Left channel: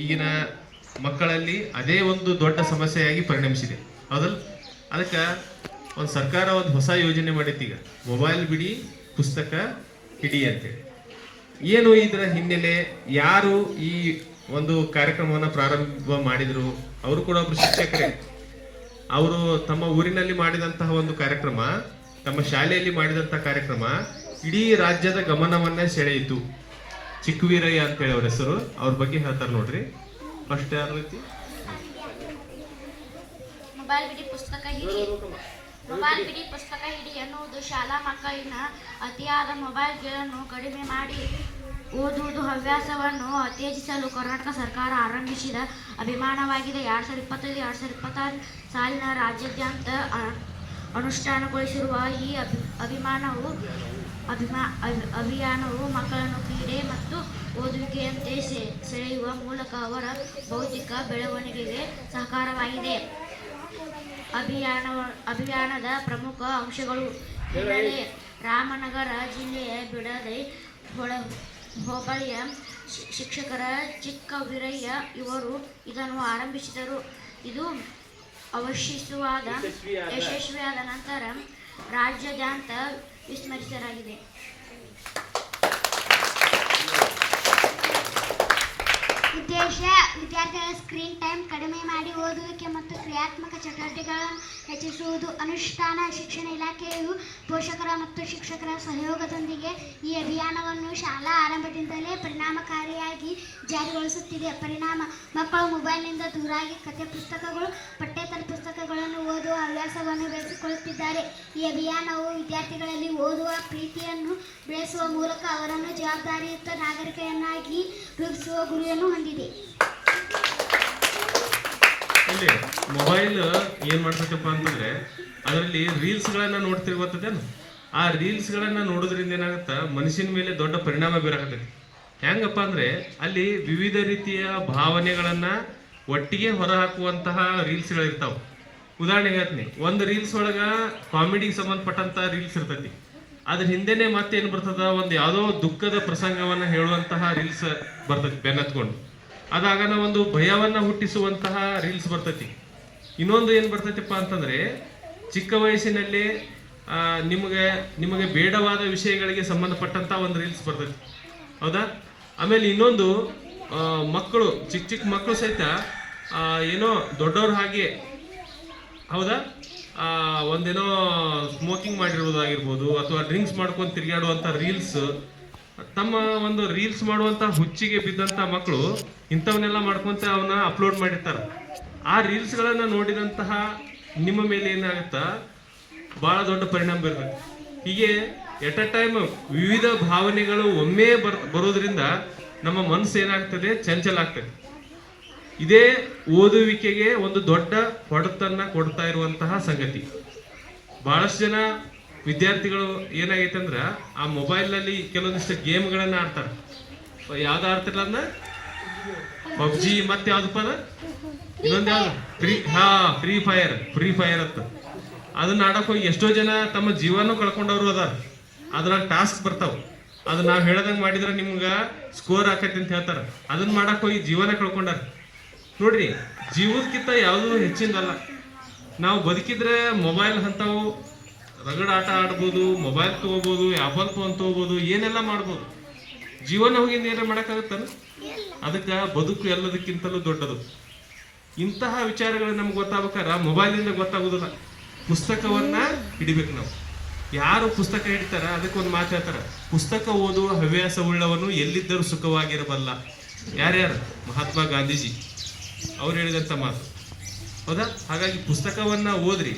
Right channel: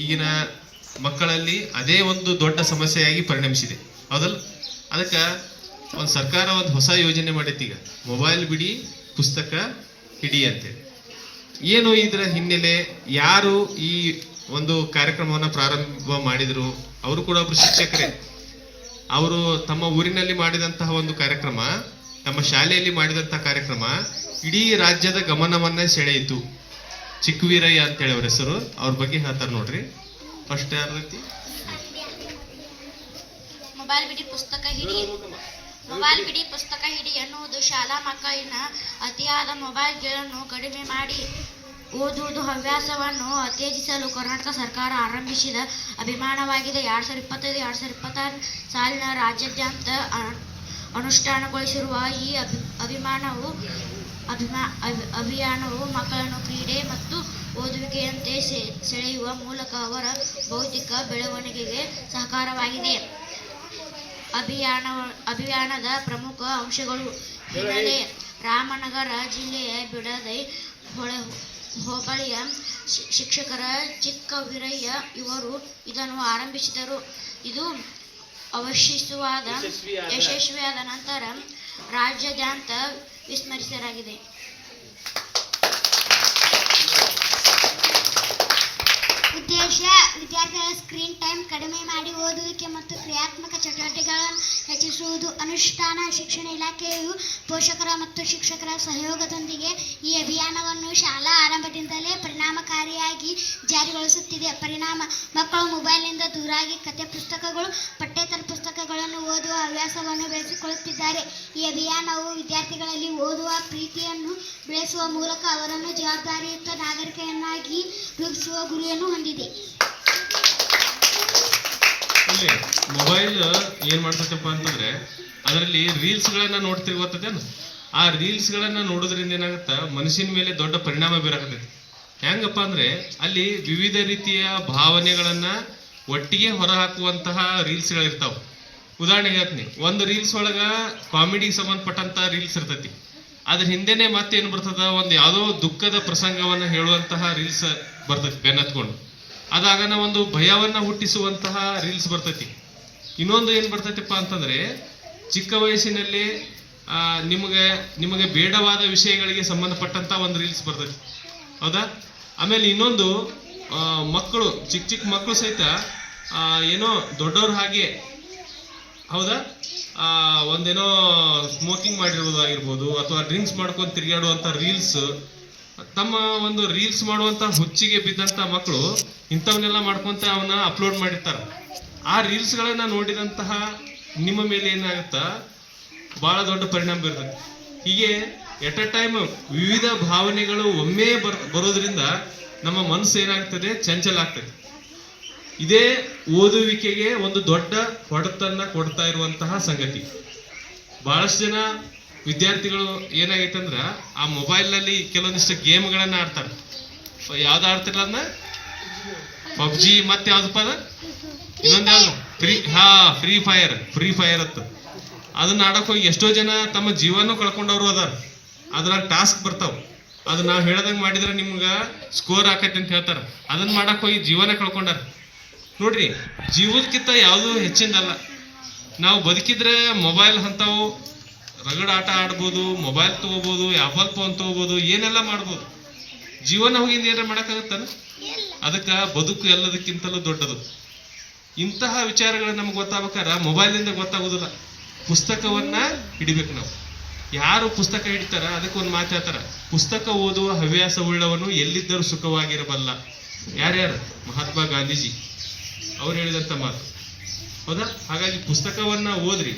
ಈಗಿನ ಮಕ್ಕಳಲ್ಲಿ ಅದೇ ಒಂದು ದೊಡ್ಡ ಸಮಸ್ಯೆಯಾಗಿ ಪರಿಣಮಿಸಿದೆ. ಹೌದಲ್ಲ? ಅದಕ್ಕೆ ಒಂದು ಸರ್ಕಾರ ಒಂದು ಹೊಸ ಯೋಜನೆ ಮಾಡೈತಿ. ಈಗ ಮೊಬೈಲ್ ಬಿಡಿ ಪುಸ್ತಕ ಹಿಡಿ ಅಂತೇಳಿ. ಏನು ಇದರ ಹಿನ್ನೆಲೆ, ಯಾರು ಈ ಒಂದು ಕಾರ್ಯಕ್ರಮವನ್ನು ಪ್ರಾರಂಭ ಮಾಡಿದರು? ಅವರು ಕೂಡ ಒಬ್ರು ಶಿಕ್ಷಕರೇ. ಅವರು ತಮ್ಮ ಊರಿನಲ್ಲಿ ಮಾಡಿದಂತಹ ಒಂದು ಕಾರ್ಯಕ್ರಮ, ತಮ್ಮ ಶಾಲೆಯಲ್ಲಿ ಮಾಡಿದಂತಹ ಕಾರ್ಯಕ್ರಮ ಇಡೀ ರಾಜ್ಯದ ಗಮನವನ್ನ ಸೆಳೆಯಿತು. ಚಿಕ್ಕವೀರಯ್ಯ ಅಂತೇಳಿ ಅವ್ರ ಹೆಸರು. ಅವ್ರ ಬಗ್ಗೆ ಹೇಳ್ತಾರೆ ನೋಡ್ರಿ. ಫಸ್ಟ್ ಯಾರ ರೀತಿ ಮೊಬೈಲ್ ಬಿಡಿ ಪುಸ್ತಕ ಹಿಡಿ. ಮೊಬೈಲ್ ಬಿಡಿ ಪುಸ್ತಕ ಹಿಡಿ ಎನ್ನುವುದು ಶಾಲಾ ಮಕ್ಕಳಿನ ಅತಿಯಾದ ಮೊಬೈಲ್ಗಳನ್ನು ಕಡಿಮೆ ಮಾಡಿ ಓದುವುದು ಹವ್ಯಾಸವನ್ನು ಉತ್ತೇಜಿಸಲು ಕರ್ನಾಟಕ ಸರ್ಕಾರ ಆರಂಭಿಸಿದ ಅಭಿಯಾನವಾಗಿದೆ. 2025-2026 ಸಾಲಿನ ರಾಜ್ಯಾದ್ಯಂತ ಅನುಷ್ಠಾನಗೊಳಿಸಿರುವ ಈ ಅಭಿಯಾನವು ಮಕ್ಕಳನ್ನು ಕ್ರೀಡೆ ಮತ್ತು ಓದುವಿಕೆಯಂತೆ ಸೆಳೆಯುವ ಮೂಲಕ ಅವರ ಬೌದ್ಧಿಕ ಬೆಳವಣಿಗೆಗೆ ಸಹಕಾರವಾಗಿದೆ. ಅಭಿಯಾನದ ಪ್ರಮುಖ ಅಂಶಗಳು ಹಿನ್ನೆಲೆ. ರಾಮನಗರ ಜಿಲ್ಲೆಯ ಬಿಡದಿ ಹೋಬಳಿಯ ಶಿಕ್ಷಕರ ಚಿಕ್ಕವೀರಯ್ಯ ಇವರು ಇದನ್ನು ಆರಂಭಿಸಿದರು. ಇದು ಯಶಸ್ವಿಯಾದ ನಂತರ ರಾಜ್ಯಾದ್ಯಂತ ವಿಸ್ತರಿಸಲಾಗಿದೆ. ಉದ್ದೇಶ: ವಿದ್ಯಾರ್ಥಿಗಳ ಸ್ಕ್ರೀನ್ ಟೈಮ್ ಕಡಿಮೆ ಮಾಡಿ ಓದುವಿಕೆ ಮತ್ತು ಕ್ರಿಯಾತ್ಮಕ ಚಟುವಟಿಕೆಗಳನ್ನು ಹೆಚ್ಚಿಸುವುದು. ಅನುಷ್ಠಾನ: ಶಿಕ್ಷಣ ಇಲಾಖೆಯು ಪೋಷಕರ ಮತ್ತು ಶಿಕ್ಷಕರ ಸಹಯೋಗದೊಂದಿಗೆ ಈ ಅಭಿಯಾನವನ್ನು ಶಾಲಾ ಆರಂಭದಿಂದಲೇ ಪರಿಣಾಮಕಾರಿಯಾಗಿ ಜಾರಿಗೊಳಿಸುತ್ತಿದೆ. ಪರಿಣಾಮ: ಮಕ್ಕಳು ಮೊಬೈಲ್ನಿಂದ ದೂರಾಗಿ ಕಥೆ ಪುಸ್ತಕಗಳು, ಪಠ್ಯೇತರ ಪುಸ್ತಕಗಳನ್ನು ಓದುವ ಹವ್ಯಾಸವನ್ನು ಬೆಳೆಸಿಕೊಳ್ಳುತ್ತಿದ್ದಾರೆ. ಈ ಅಭಿಯಾನವು ವಿದ್ಯಾರ್ಥಿಗಳಲ್ಲಿ ಓದುವ ಪ್ರೀತಿಯನ್ನು ಬೆಳೆಸುವ ಮೂಲಕ ಅವರನ್ನು ಜವಾಬ್ದಾರಿಯುತ ನಾಗರಿಕರನ್ನಾಗಿ ರೂಪಿಸುವ ಗುರಿಯನ್ನು ಹೊಂದಿದೆ. ಇಲ್ಲಿ ಮೊಬೈಲ್ ಏನ್ ಮಾಡ್ತೈತಪ್ಪ ಅಂತಂದ್ರೆ, ಅದರಲ್ಲಿ ರೀಲ್ಸ್ಗಳನ್ನ ನೋಡ್ತೀವಿ, ಗೊತ್ತದೇನು? ಆ ರೀಲ್ಸ್ಗಳನ್ನ ನೋಡೋದ್ರಿಂದ ಏನಾಗುತ್ತಾ, ಮನುಷ್ಯನ ಮೇಲೆ ದೊಡ್ಡ ಪರಿಣಾಮ ಬೀರಾಕತೈತಿ. ಹೆಂಗಪ್ಪ ಅಂದ್ರೆ, ಅಲ್ಲಿ ವಿವಿಧ ರೀತಿಯ ಭಾವನೆಗಳನ್ನ ಒಟ್ಟಿಗೆ ಹೊರಹಾಕುವಂತಹ ರೀಲ್ಸ್ಗಳಿರ್ತಾವ. ಉದಾಹರಣೆಗೆ ಹೇಳ್ತೀನಿ, ಒಂದು ರೀಲ್ಸ್ ಒಳಗ ಕಾಮಿಡಿಗೆ ಸಂಬಂಧಪಟ್ಟಂತ ರೀಲ್ಸ್ ಇರ್ತೈತಿ. ಅದ್ರ ಹಿಂದೆನೆ ಮತ್ತೇನು ಬರ್ತದ, ಒಂದು ಯಾವುದೋ ದುಃಖದ ಪ್ರಸಂಗವನ್ನ ಹೇಳುವಂತಹ ರೀಲ್ಸ್ ಬರ್ತೈತಿ ಬೆನ್ನತ್ಕೊಂಡು. ಅದಾಗನ ಒಂದು ಭಯವನ್ನ ಹುಟ್ಟಿಸುವಂತಹ ರೀಲ್ಸ್ ಬರ್ತೈತಿ. ಇನ್ನೊಂದು ಏನು ಬರ್ತೈತಿಪ್ಪ ಅಂತಂದ್ರೆ, ಚಿಕ್ಕ ವಯಸ್ಸಿನಲ್ಲಿ ನಿಮಗೆ ಬೇಡವಾದ ವಿಷಯಗಳಿಗೆ ಸಂಬಂಧಪಟ್ಟಂತ ಒಂದು ರೀಲ್ಸ್ ಬರ್ತೈತಿ. ಹೌದಾ? ಆಮೇಲೆ ಇನ್ನೊಂದು, ಮಕ್ಕಳು ಚಿಕ್ಕ ಮಕ್ಕಳು ಸಹಿತ ಏನೋ ದೊಡ್ಡವ್ರ ಹಾಗೆ, ಹೌದಾ, ಒಂದೇನೋ ಸ್ಮೋಕಿಂಗ್ ಮಾಡಿರ್ಬೋದಾಗಿರ್ಬೋದು, ಅಥವಾ ಡ್ರಿಂಕ್ಸ್ ಮಾಡ್ಕೊಂಡು ತಿರುಗಾಡುವಂಥ ರೀಲ್ಸ್, ತಮ್ಮ ಒಂದು ರೀಲ್ಸ್ ಮಾಡುವಂಥ ಹುಚ್ಚಿಗೆ ಬಿದ್ದಂಥ ಮಕ್ಕಳು ಇಂಥವನ್ನೆಲ್ಲ ಮಾಡ್ಕೊಂತ ಅವನ್ನ ಅಪ್ಲೋಡ್ ಮಾಡಿರ್ತಾರೆ. ಆ ರೀಲ್ಸ್ಗಳನ್ನು ನೋಡಿದಂತಹ ನಿಮ್ಮ ಮೇಲೆ ಏನಾಗುತ್ತಾ, ಭಾಳ ದೊಡ್ಡ ಪರಿಣಾಮ ಬೀರ್ತದೆ. ಹೀಗೆ ಎಟ್ ಎ ಟೈಮ್ ವಿವಿಧ ಭಾವನೆಗಳು ಒಮ್ಮೆ ಬರೋದ್ರಿಂದ ನಮ್ಮ ಮನಸ್ಸು ಏನಾಗ್ತದೆ, ಚಂಚಲ ಆಗ್ತದೆ. ಇದೇ ಓದುವಿಕೆಗೆ ಒಂದು ದೊಡ್ಡ ಹೊಡೆತನ್ನ ಕೊಡ್ತಾ ಇರುವಂತಹ ಸಂಗತಿ. ಬಹಳಷ್ಟು ಜನ ವಿದ್ಯಾರ್ಥಿಗಳು ಏನಾಗೈತೆ ಅಂದ್ರ, ಆ ಮೊಬೈಲ್ನಲ್ಲಿ ಕೆಲವೊಂದಿಷ್ಟು ಗೇಮ್ಗಳನ್ನ ಆಡ್ತಾರೆ. ಯಾವ್ದು ಆಡ್ತಿರಲ್ಲ ಅಂದ, ಪಬ್ಜಿ, ಮತ್ತೆ ಯಾವ್ದಪ್ಪ ಅದ, ಇನ್ನೊಂದು ಯಾವ್ದು, ಫ್ರೀ ಫೈರ್ ಅಂತ. ಅದನ್ನ ಆಡಕ್ ಹೋಗಿ ಎಷ್ಟೋ ಜನ ತಮ್ಮ ಜೀವನೂ ಕಳ್ಕೊಂಡವ್ರು ಅದಾರ. ಅದ್ರಾಗ ಟಾಸ್ಕ್ ಬರ್ತಾವ. ಅದು ನಾವು ಹೇಳ್ದಂಗೆ ಮಾಡಿದ್ರೆ ನಿಮ್ಗ ಸ್ಕೋರ್ ಹಾಕಟ್ಟಿ ಅಂತ ಹೇಳ್ತಾರ. ಅದನ್ನ ಮಾಡಕ್ ಹೋಗಿ ಜೀವನ ಕಳ್ಕೊಂಡಾರ. ನೋಡ್ರಿ, ಜೀವಕ್ಕಿಂತ ಯಾವುದು ಹೆಚ್ಚಿಂದಲ್ಲ. ನಾವು ಬದುಕಿದ್ರೆ ಮೊಬೈಲ್ ಅಂತಾವು ರಗಡ ಆಟ ಆಡ್ಬೋದು, ಮೊಬೈಲ್ ತಗೋಬಹುದು, ಆಪಲ್ ಫೋನ್ ತಗೋಬಹುದು, ಏನೆಲ್ಲ ಮಾಡ್ಬೋದು. ಜೀವನ ಹೋಗಿಂದ ಏನಾರ ಮಾಡೋಕ್ಕಾಗುತ್ತಾನ? ಅದಕ್ಕೆ ಬದುಕು ಎಲ್ಲದಕ್ಕಿಂತಲೂ ದೊಡ್ಡದು. ಇಂತಹ ವಿಚಾರಗಳು ನಮ್ಗೆ ಗೊತ್ತಾಗ್ಬೇಕಾರ ಮೊಬೈಲಿಂದ ಗೊತ್ತಾಗೋದಿಲ್ಲ. ಪುಸ್ತಕವನ್ನ ಹಿಡಿಬೇಕು ನಾವು. ಯಾರು ಪುಸ್ತಕ ಹಿಡಿತಾರ ಅದಕ್ಕೊಂದು ಮಾತು ಹೇಳ್ತಾರ, ಪುಸ್ತಕ ಓದುವ ಹವ್ಯಾಸ ಉಳ್ಳವನು ಎಲ್ಲಿದ್ದರೂ ಸುಖವಾಗಿರಬಲ್ಲ. ಯಾರ್ಯಾರು? ಮಹಾತ್ಮ ಗಾಂಧೀಜಿ ಅವ್ರು ಹೇಳಿದಂಥ ಮಾತು. ಹೌದಾ? ಹಾಗಾಗಿ ಪುಸ್ತಕವನ್ನ ಓದ್ರಿ.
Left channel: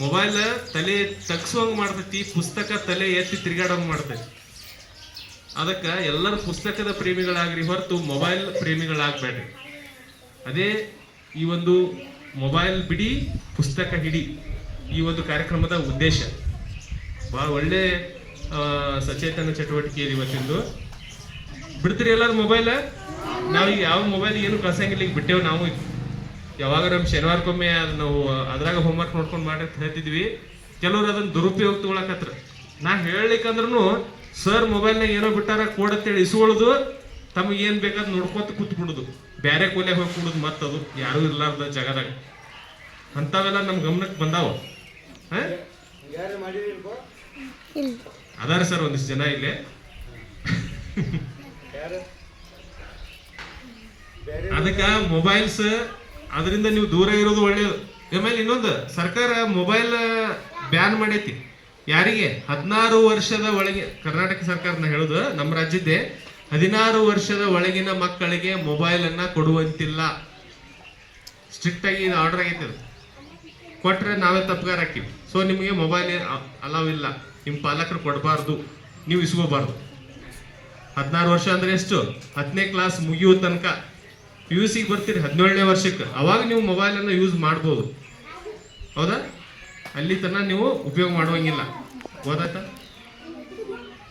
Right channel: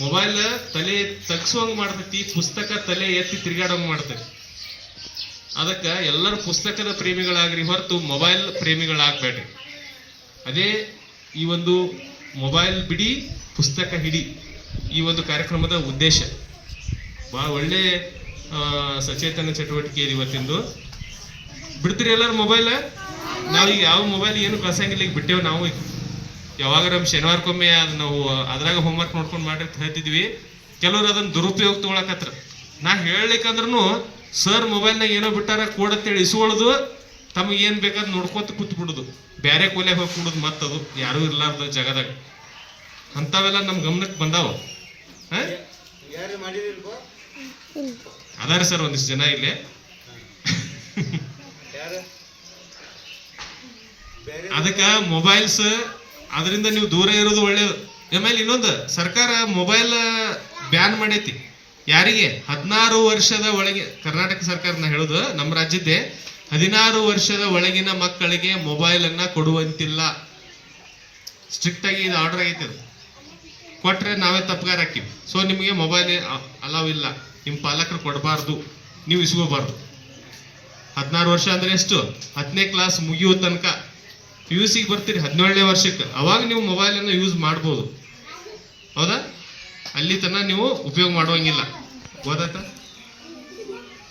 ಮೊಬೈಲ್ ತಲೆ ತಗ್ಸುವಂಗೆ ಮಾಡ್ತೈತಿ, ಪುಸ್ತಕ ತಲೆ ಎತ್ತಿ ತಿರುಗಾಡೋಂಗೆ ಮಾಡ್ತೈತಿ. ಅದಕ್ಕೆ ಎಲ್ಲರೂ ಪುಸ್ತಕದ ಪ್ರೇಮಿಗಳಾಗ್ರಿ ಹೊರತು ಮೊಬೈಲ್ ಪ್ರೇಮಿಗಳಾಗಬೇಡ್ರಿ. ಅದೇ ಈ ಒಂದು ಮೊಬೈಲ್ ಬಿಡಿ ಪುಸ್ತಕ ಹಿಡಿ ಈ ಒಂದು ಕಾರ್ಯಕ್ರಮದ ಉದ್ದೇಶ. ಭಾಳ ಒಳ್ಳೆ ಸಚೇತನ ಚಟುವಟಿಕೆ ಇದೆ ಇವತ್ತಿಂದು. ಬಿಡ್ತೀರಿ ಎಲ್ಲರೂ ಮೊಬೈಲ್? ನಾವೀಗ ಯಾವ ಮೊಬೈಲ್ ಏನು ಕಳ್ಸಂಗಿಲ್ಲ, ಈಗ ಬಿಟ್ಟೇವು ನಾವು. ಯಾವಾಗ ನಮ್ಮ ಶನಿವಾರಕ್ಕೊಮ್ಮೆ ನಾವು ಅದ್ರಾಗ ಹೋಮ್ವರ್ಕ್ ನೋಡ್ಕೊಂಡು ಮಾಡಿ ಹೇಳ್ತಿದ್ವಿ. ಕೆಲವರು ಅದನ್ನ ದುರುಪಯೋಗ ತಗೊಳಕತ್ರ. ನಾ ಹೇಳ್ಲಿಕ್ಕಂದ್ರೂ ಸರ್ ಮೊಬೈಲ್ನಾಗ ಏನೋ ಬಿಟ್ಟಾರ ಕೋಡ್ ಅಂತೇಳಿ ಇಸ್ಕೊಳ್ಳೋದು, ತಮಗೆ ಏನ್ ಬೇಕಾದ್ ನೋಡ್ಕೋತ ಕೂತ್ ಬಿಡುದು, ಬೇರೆ ಕೊಲೆಗೆ ಹೋಗಿ ಕೂಡುದು, ಮತ್ತದು ಯಾರು ಇರ್ಲಾರ್ದ ಜಾಗದಾಗ. ಅಂಥವೆಲ್ಲ ನಮ್ ಗಮನಕ್ಕೆ ಬಂದಾವ. ಅದಾರ ಸರ್ ಒಂದಿಷ್ಟು ಜನ ಇಲ್ಲಿ. ಅದಕ್ಕ ಮೊಬೈಲ್ಸ್ ಅದರಿಂದ ನೀವು ದೂರ ಇರೋದು ಒಳ್ಳೇದು. ಆಮೇಲೆ ಇನ್ನೊಂದು, ಸರ್ಕಾರ ಮೊಬೈಲ್ ಬ್ಯಾನ್ ಮಾಡೈತಿ. ಯಾರಿಗೆ? 16 ವರ್ಷದ ಒಳಗೆ. ಕರ್ನಾಟಕ ಸರ್ಕಾರನ ಹೇಳುದು, ನಮ್ಮ ರಾಜ್ಯದ್ದೇ. 16 ವರ್ಷದ ಒಳಗಿನ ಮಕ್ಕಳಿಗೆ ಮೊಬೈಲ್ ಅನ್ನ ಕೊಡುವಂತಿಲ್ಲ. ಸ್ಟ್ರಿಕ್ಟ್ ಆಗಿ ಇದು ಆರ್ಡರ್ ಆಗೈತೆ. ಕೊಟ್ರೆ ನಾವೇ ತಪ್ಪಗಾರ ಹಾಕಿವಿ. ಸೊ ನಿಮಗೆ ಮೊಬೈಲ್ ಅಲಾವ್ ಇಲ್ಲ, ನಿಮ್ಮ ಪಾಲಕರು ಕೊಡಬಾರ್ದು, ನೀವು ಇಸ್ಕೋಬಾರ್ದು. 16 ವರ್ಷ ಅಂದ್ರೆ ಎಷ್ಟು? 10ನೇ ಕ್ಲಾಸ್ ಮುಗಿಯೋ ತನಕ. PUC ಬರ್ತೀರಿ 17ನೇ ವರ್ಷಕ್ಕೆ, ಅವಾಗ ನೀವು ಮೊಬೈಲ್ ಅನ್ನು ಯೂಸ್ ಮಾಡ್ಬೋದು. ಹೌದಾ? ಅಲ್ಲಿ ತನಕ ನೀವು ಉಪಯೋಗ ಮಾಡುವಂಗಿಲ್ಲ. ಗೊತ್ತಾಯ್ತಾ?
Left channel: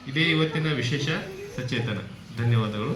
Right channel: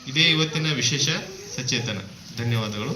ಇದೇ ಇವತ್ತಿನ ವಿಶೇಷ ಸಚೇತನ. ಧನ್ಯವಾದಗಳು.